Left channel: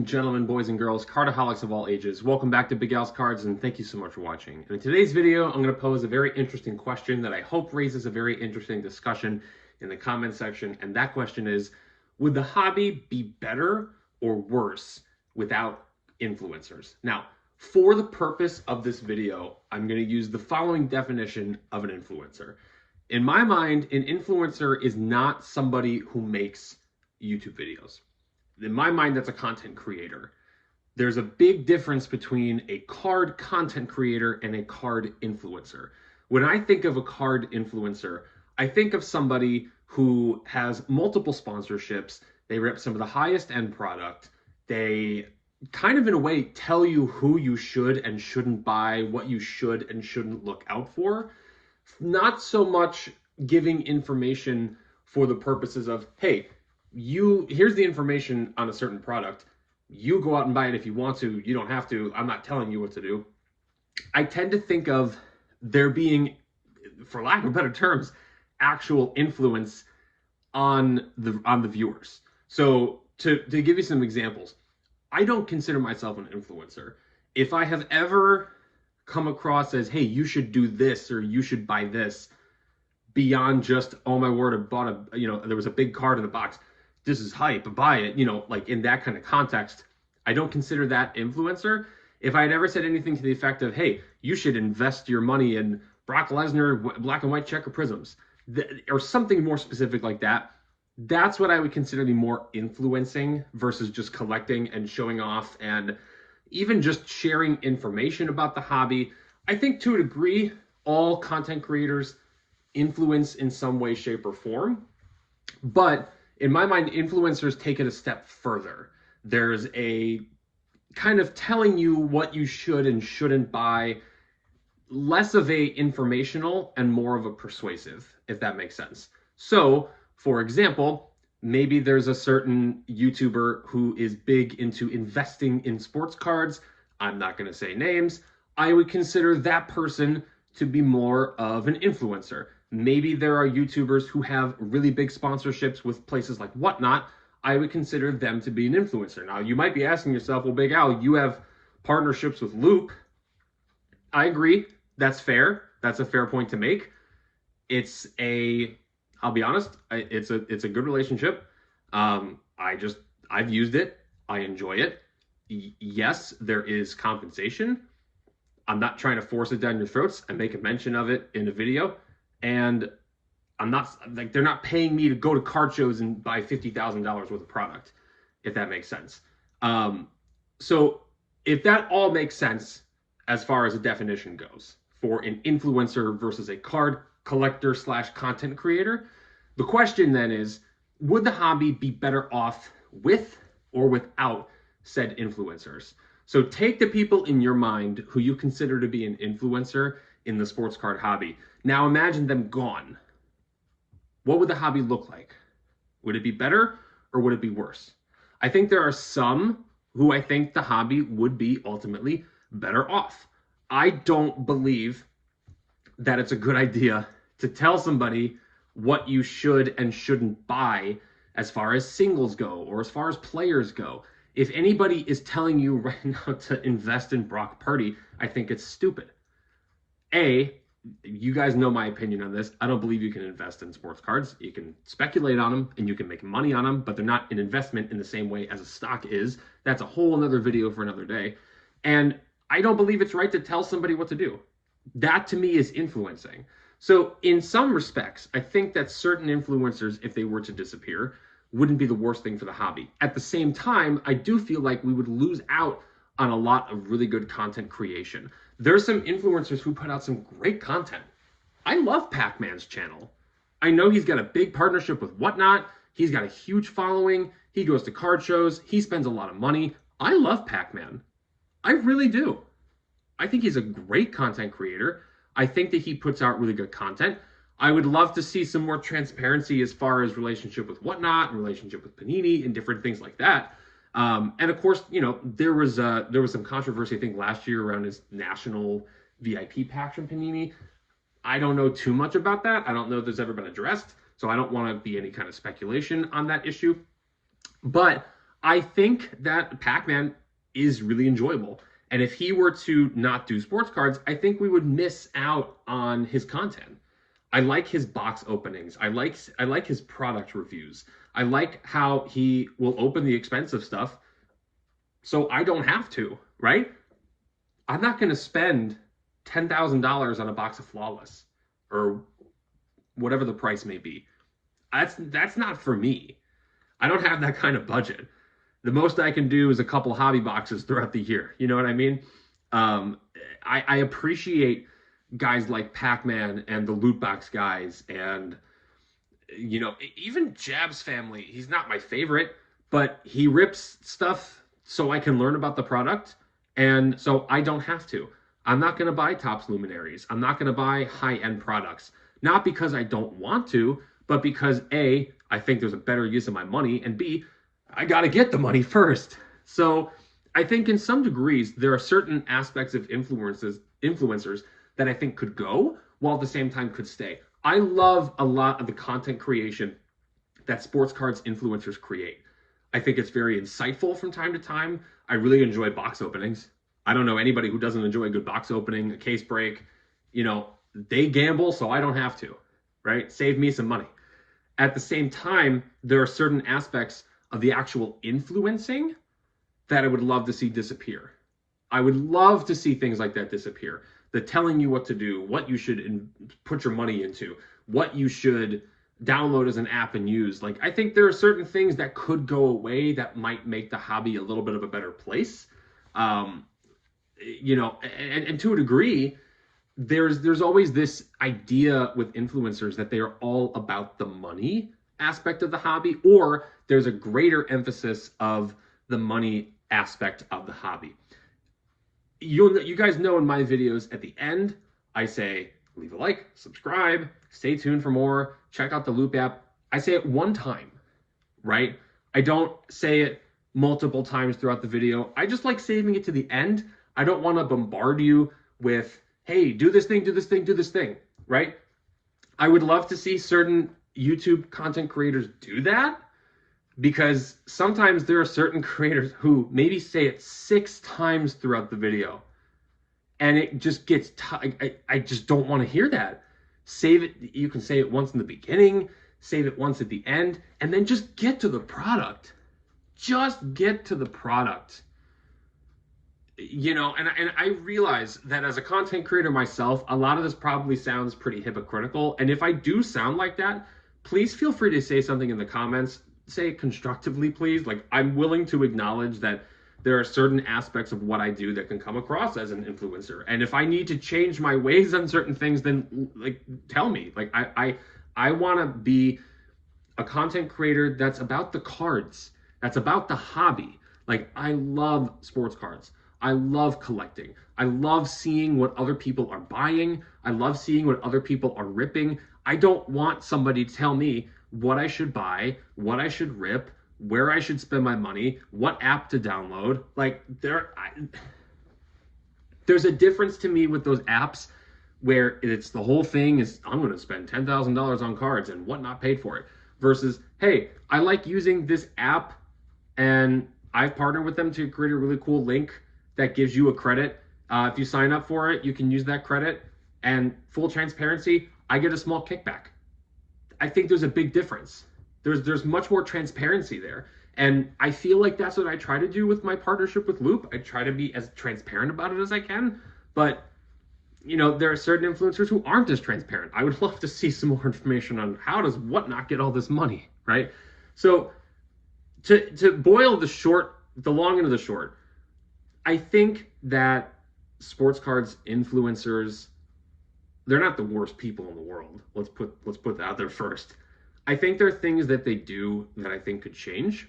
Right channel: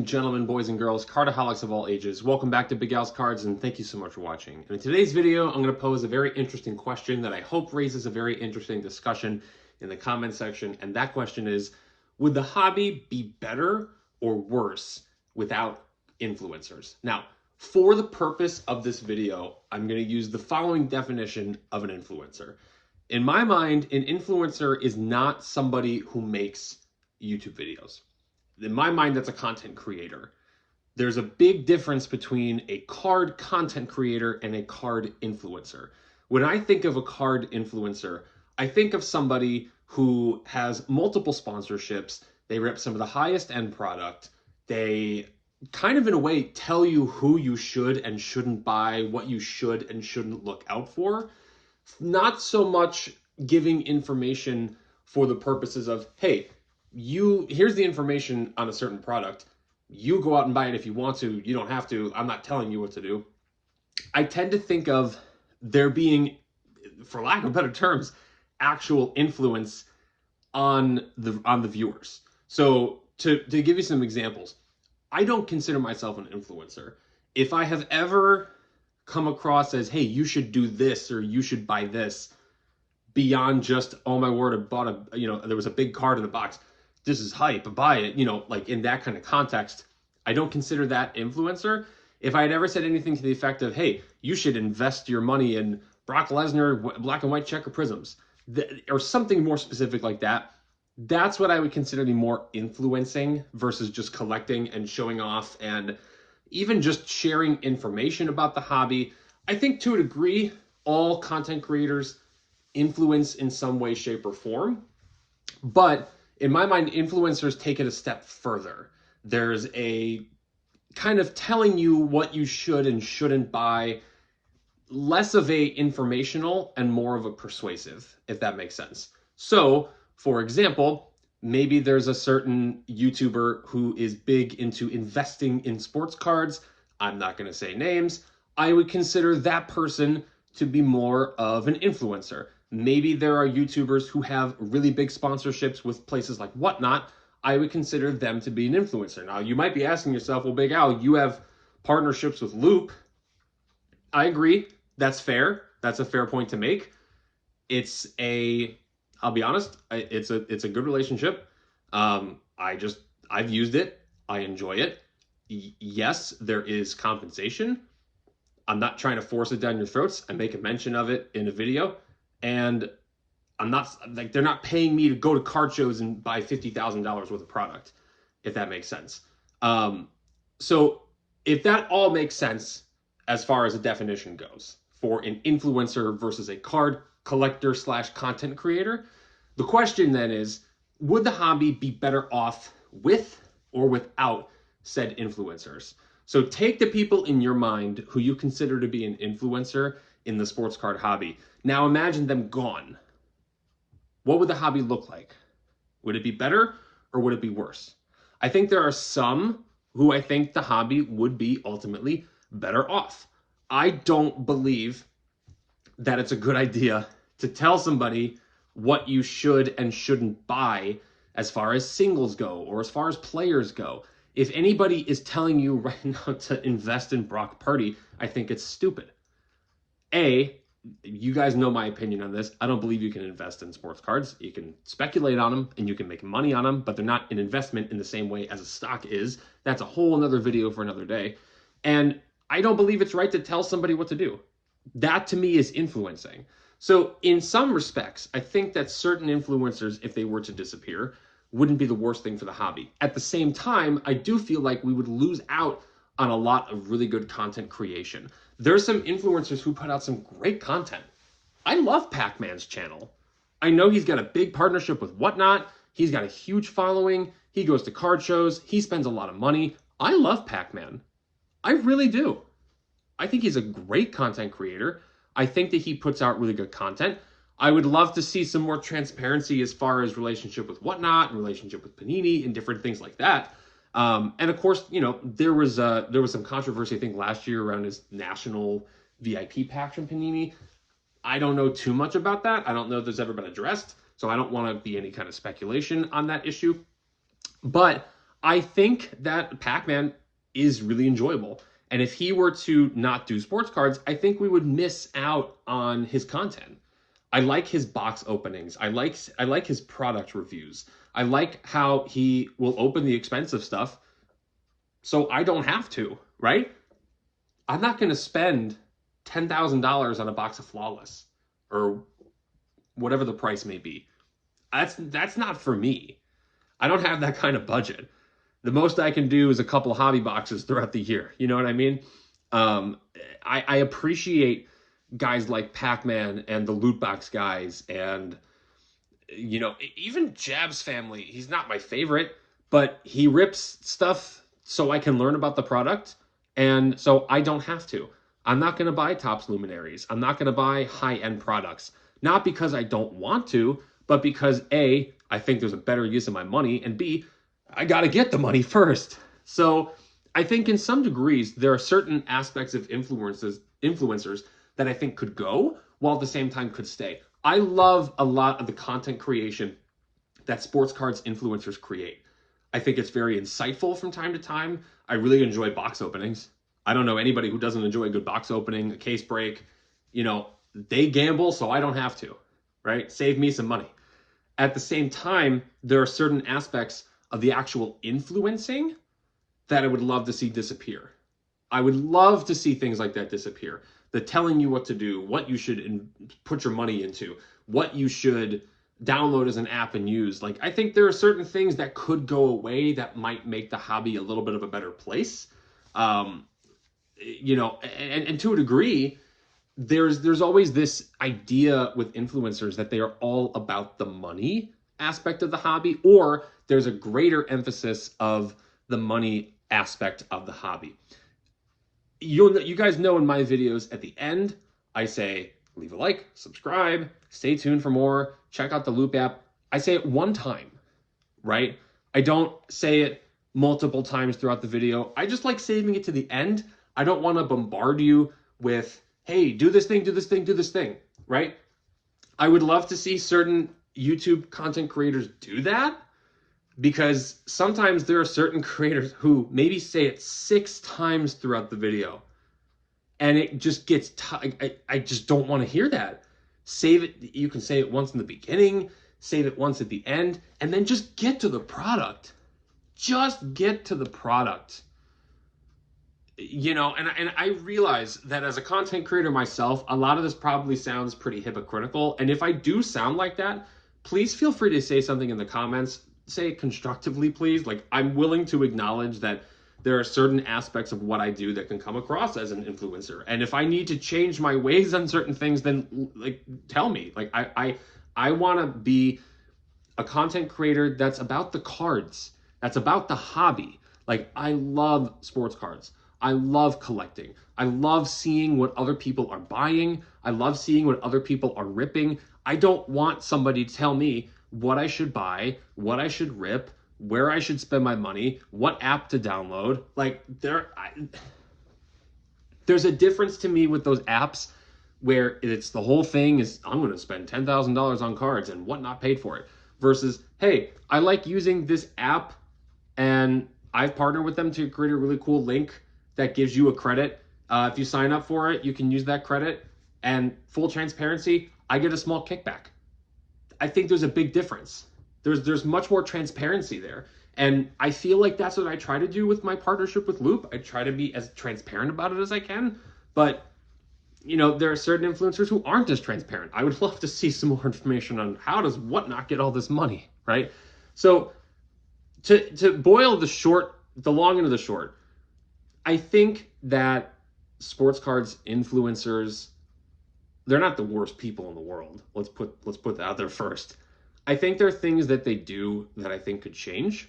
and gentlemen, boys and girls, cardaholics of all ages, welcome back to Big Al's Cards, and thank you so much for watching. And in today's video, I'm going to pose a very interesting question that I hope raises a very interesting discussion in the comment section. And that question is, would the hobby be better or worse without influencers? Now, for the purpose of this video, I'm going to use the following definition of an influencer. In my mind, an influencer is not somebody who makes YouTube videos. In my mind, that's a content creator. There's a big difference between a card content creator and a card influencer. When I think of a card influencer, I think of somebody who has multiple sponsorships. They rep some of the highest end product. They kind of in a way tell you who you should and shouldn't buy, what you should and shouldn't look out for. Not so much giving information for the purposes of, hey, here's the information on a certain product. You go out and buy it if you want to. You don't have to. I'm not telling you what to do. I tend to think of there being, for lack of better terms, actual influence on the viewers. So to give you some examples, I don't consider myself an influencer. If I have ever come across as, hey, you should do this or you should buy this, beyond just, oh my word, I bought there was a big card in the box. This is hype, buy it, like in that kind of context, I don't consider that influencer. If I had ever said anything to the effect of, hey, you should invest your money in Brock Lesnar black and white checker prisms, or something more specific like that, that's what I would consider the more influencing versus just collecting and showing off and even just sharing information about the hobby. I think to a degree, all content creators influence in some way, shape, or form. But in my mind, influencers take it a step further. There's a kind of telling you what you should and shouldn't buy, less of a informational and more of a persuasive, if that makes sense. So, for example, maybe there's a certain YouTuber who is big into investing in sports cards. I'm not going to say names. I would consider that person to be more of an influencer. Maybe there are YouTubers who have really big sponsorships with places like Whatnot. I would consider them to be an influencer. Now, you might be asking yourself, well, Big Al, you have partnerships with Loop. I agree. That's fair. That's a fair point to make. I'll be honest, it's a good relationship. I've used it. I enjoy it. Yes, there is compensation. I'm not trying to force it down your throats. I make a mention of it in a video. And I'm not, like, they're not paying me to go to card shows and buy $50,000 worth of product, if that makes sense. So if that all makes sense as far as a definition goes for an influencer versus a card collector / content creator, the question then is, would the hobby be better off with or without said influencers? So take the people in your mind who you consider to be an influencer in the sports card hobby. Now imagine them gone. What would the hobby look like? Would it be better or would it be worse? I think there are some who I think the hobby would be ultimately better off. I don't believe that it's a good idea to tell somebody what you should and shouldn't buy as far as singles go or as far as players go. If anybody is telling you right now to invest in Brock Purdy, I think it's stupid. You guys know my opinion on this. I don't believe you can invest in sports cards. You can speculate on them and you can make money on them, but they're not an investment in the same way as a stock is. That's a whole another video for another day. And I don't believe it's right to tell somebody what to do. That to me is influencing. So in some respects, I think that certain influencers, if they were to disappear, wouldn't be the worst thing for the hobby. At the same time, I do feel like we would lose out on a lot of really good content creation. There's some influencers who put out some great content. I love Pac-Man's channel. I know he's got a big partnership with Whatnot. He's got a huge following. He goes to card shows. He spends a lot of money. I love Pac-Man. I really do. I think he's a great content creator. I think that he puts out really good content. I would love to see some more transparency as far as relationship with Whatnot, relationship with Panini, and different things like that. And of course, there was some controversy, I think, last year around his national VIP pack from Panini. I don't know too much about that. I don't know if there's ever been addressed, so I don't want to be any kind of speculation on that issue. But I think that Pac-Man is really enjoyable. And if he were to not do sports cards, I think we would miss out on his content. I like his box openings. I like his product reviews. I like how he will open the expensive stuff so I don't have to, right? I'm not going to spend $10,000 on a box of Flawless or whatever the price may be. That's not for me. I don't have that kind of budget. The most I can do is a couple hobby boxes throughout the year. You know what I mean? I appreciate guys like Pac-Man and the loot box guys, and even Jab's family. He's not my favorite, but he rips stuff so I can learn about the product, and so I don't have to. I'm not going to buy Topps Luminaries. I'm not going to buy high-end products. Not because I don't want to, but because A, I think there's a better use of my money, and B, I got to get the money first. So I think in some degrees, there are certain aspects of influencers that I think could go, while at the same time could stay. I love a lot of the content creation that sports cards influencers create. I think it's very insightful from time to time. I really enjoy box openings. I don't know anybody who doesn't enjoy a good box opening, a case break. They gamble, so I don't have to, right? Save me some money. At the same time, there are certain aspects of the actual influencing that I would love to see disappear. I would love to see things like that disappear. The telling you what to do, what you should put your money into, what you should download as an app and use. Like, I think there are certain things that could go away that might make the hobby a little bit of a better place. And to a degree, there's always this idea with influencers that they are all about the money aspect of the hobby, or there's a greater emphasis of the money aspect of the hobby. You guys know in my videos at the end, I say, leave a like, subscribe, stay tuned for more, check out the Loop app. I say it one time, right? I don't say it multiple times throughout the video. I just like saving it to the end. I don't want to bombard you with, hey, do this thing, do this thing, do this thing, right? I would love to see certain YouTube content creators do that, because sometimes there are certain creators who maybe say it 6 times throughout the video, and it just gets I just don't want to hear that. Save it. You can say it once in the beginning, save it once at the end, and then just get to the product. Just get to the product. And I realize that as a content creator myself, a lot of this probably sounds pretty hypocritical. And if I do sound like that, please feel free to say something in the comments. Say it constructively, please. Like, I'm willing to acknowledge that there are certain aspects of what I do that can come across as an influencer. And if I need to change my ways on certain things, then tell me. Like, I want to be a content creator that's about the cards, that's about the hobby. Like, I love sports cards. I love collecting. I love seeing what other people are buying. I love seeing what other people are ripping. I don't want somebody to tell me what I should buy, what I should rip, where I should spend my money, what app to download. Like, there's a difference to me with those apps where it's the whole thing is, I'm going to spend $10,000 on cards and whatnot paid for it, versus, hey, I like using this app and I've partnered with them to create a really cool link that gives you a credit. If you sign up for it, you can use that credit, and full transparency, I get a small kickback. I think there's a big difference. There's much more transparency there. And I feel like that's what I try to do with my partnership with Loop. I try to be as transparent about it as I can. But, there are certain influencers who aren't as transparent. I would love to see some more information on how does Whatnot get all this money, right? So to boil the long end of the short, I think that sports cards influencers, they're not the worst people in the world. Let's put that out there first. I think there are things that they do that I think could change,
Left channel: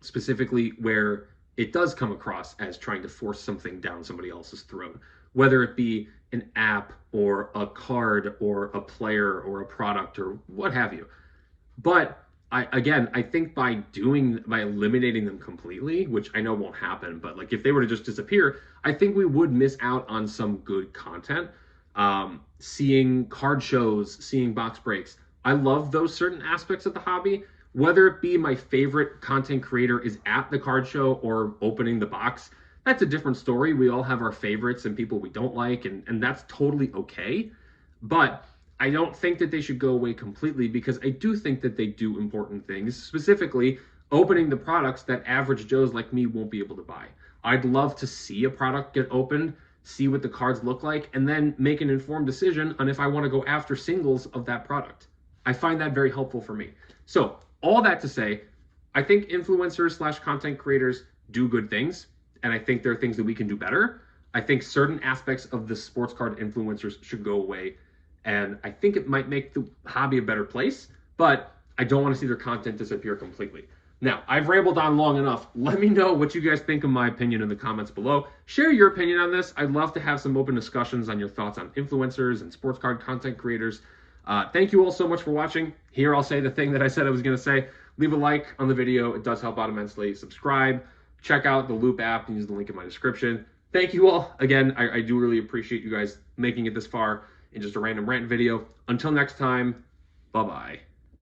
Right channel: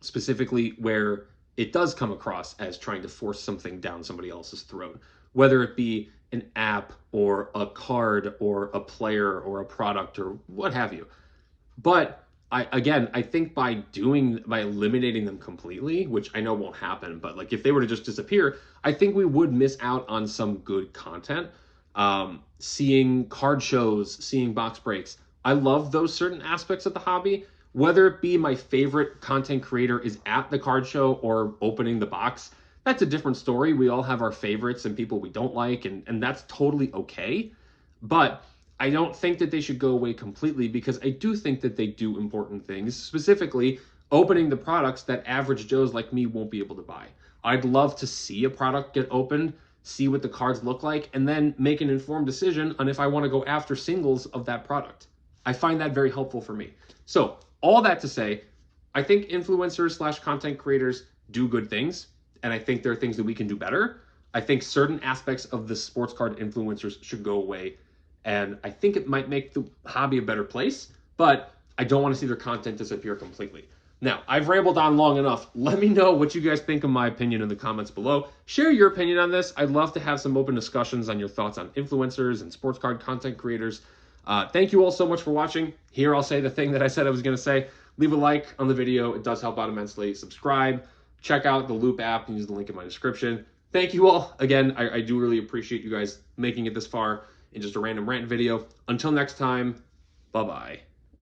specifically where it does come across as trying to force something down somebody else's throat, whether it be an app or a card or a player or a product or what have you. But I think by eliminating them completely, which I know won't happen, but like if they were to just disappear, I think we would miss out on some good content. Seeing card shows, seeing box breaks. I love those certain aspects of the hobby Whether it be my favorite content creator is at the card show or opening the box, that's a different story. We all have our favorites and people we don't like, and that's totally okay. But I don't think that they should go away completely, because I do think that they do important things, specifically opening the products that average Joes like me won't be able to buy. I'd love to see a product get opened, see what the cards look like, and then make an informed decision on if I want to go after singles of that product. I find that very helpful for me. So all that to say, I think influencers / content creators do good things, and I think there are things that we can do better. I think certain aspects of the sports card influencers should go away, and I think it might make the hobby a better place, but I don't want to see their content disappear completely. Now, I've rambled on long enough. Let me know what you guys think of my opinion in the comments below. Share your opinion on this. I'd love to have some open discussions on your thoughts on influencers and sports card content creators. Thank you all so much for watching. Here, I'll say the thing that I said I was going to say. Leave a like on the video. It does help out immensely. Subscribe. Check out the Loop app and use the link in my description. Thank you all. Again, I do really appreciate you guys making it this far in just a random rant video. Until next time, bye-bye.